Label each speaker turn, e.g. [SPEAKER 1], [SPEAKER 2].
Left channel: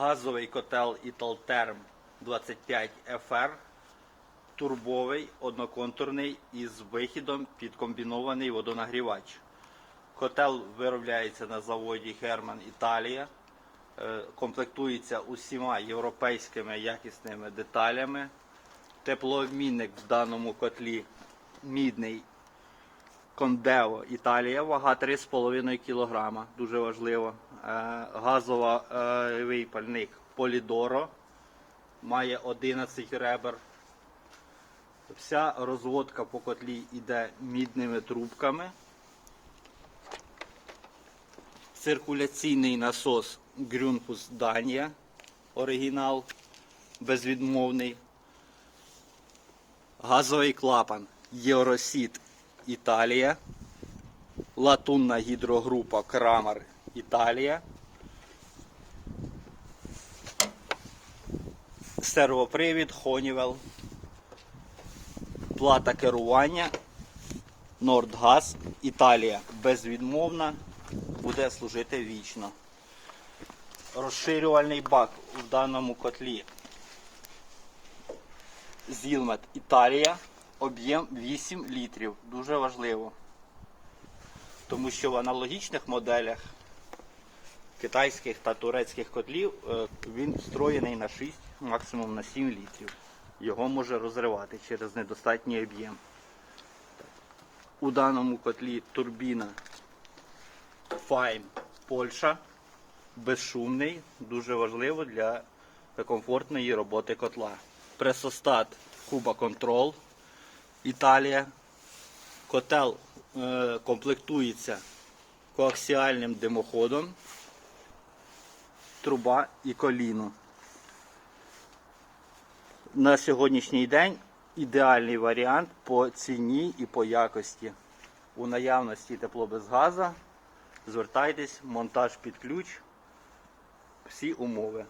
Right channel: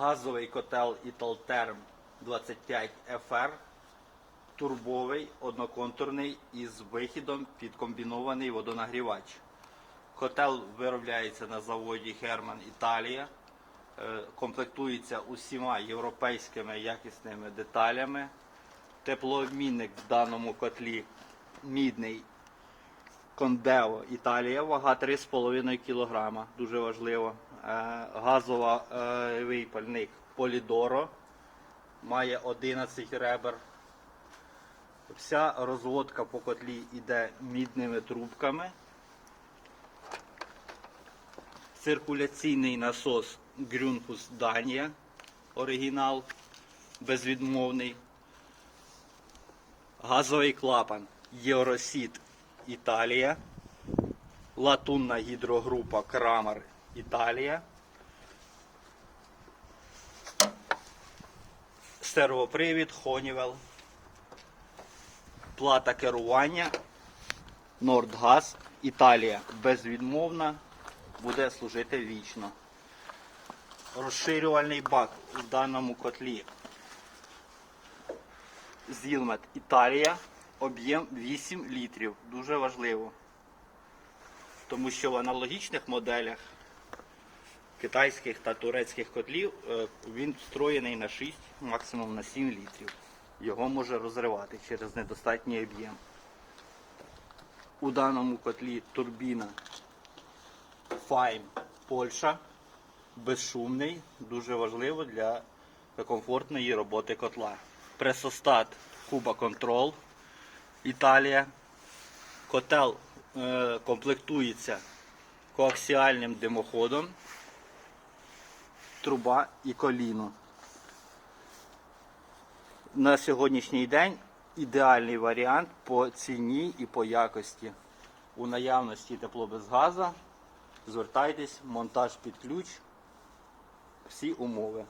[SPEAKER 1] газовий котел Italterm 25 FR, турбовий, одноконтурний із вихідом під комбінований водонагрівач. Котел виробляється на заводі Герман Італія. Е, Комплектується усіма європейськими якісними деталями. Теплообмінник в даному котлі мідний Кондео Італія, вага 3,5 кг, дуже важливо. Е, Газовий пальник Полідоро має 11 ребер. Вся розводка по котлі йде мідними трубками. Циркуляційний насос Грюнфус Данія, оригінал, безвідмовний. Газовий клапан Євросіт Італія. Латунна гідрогрупа Крамер Італія. Сервопривід Honeywell. Плата керування Нордгаз Італія. Безвідмовна. Буде служити вічно. Розширювальний бак в даному котлі Зілмет Італія. Об'єм 8 літрів. Дуже важливо. Тому що в аналогічних моделях китайських та турецьких котлів е, він встроєний на 6, максимум на 7 літрів. Його може розривати через недостатній об'єм. У даному котлі турбіна Fine Польща. Безшумний, дуже важливо для комфортної роботи котла. Пресостат Куба Control Італія. Котел е, комплектується коаксіальним димоходом, труба і коліно. На сьогоднішній день ідеальний варіант по ціні і по якості. У наявності тепло без газа. Звертайтесь, монтаж під ключ, всі умови.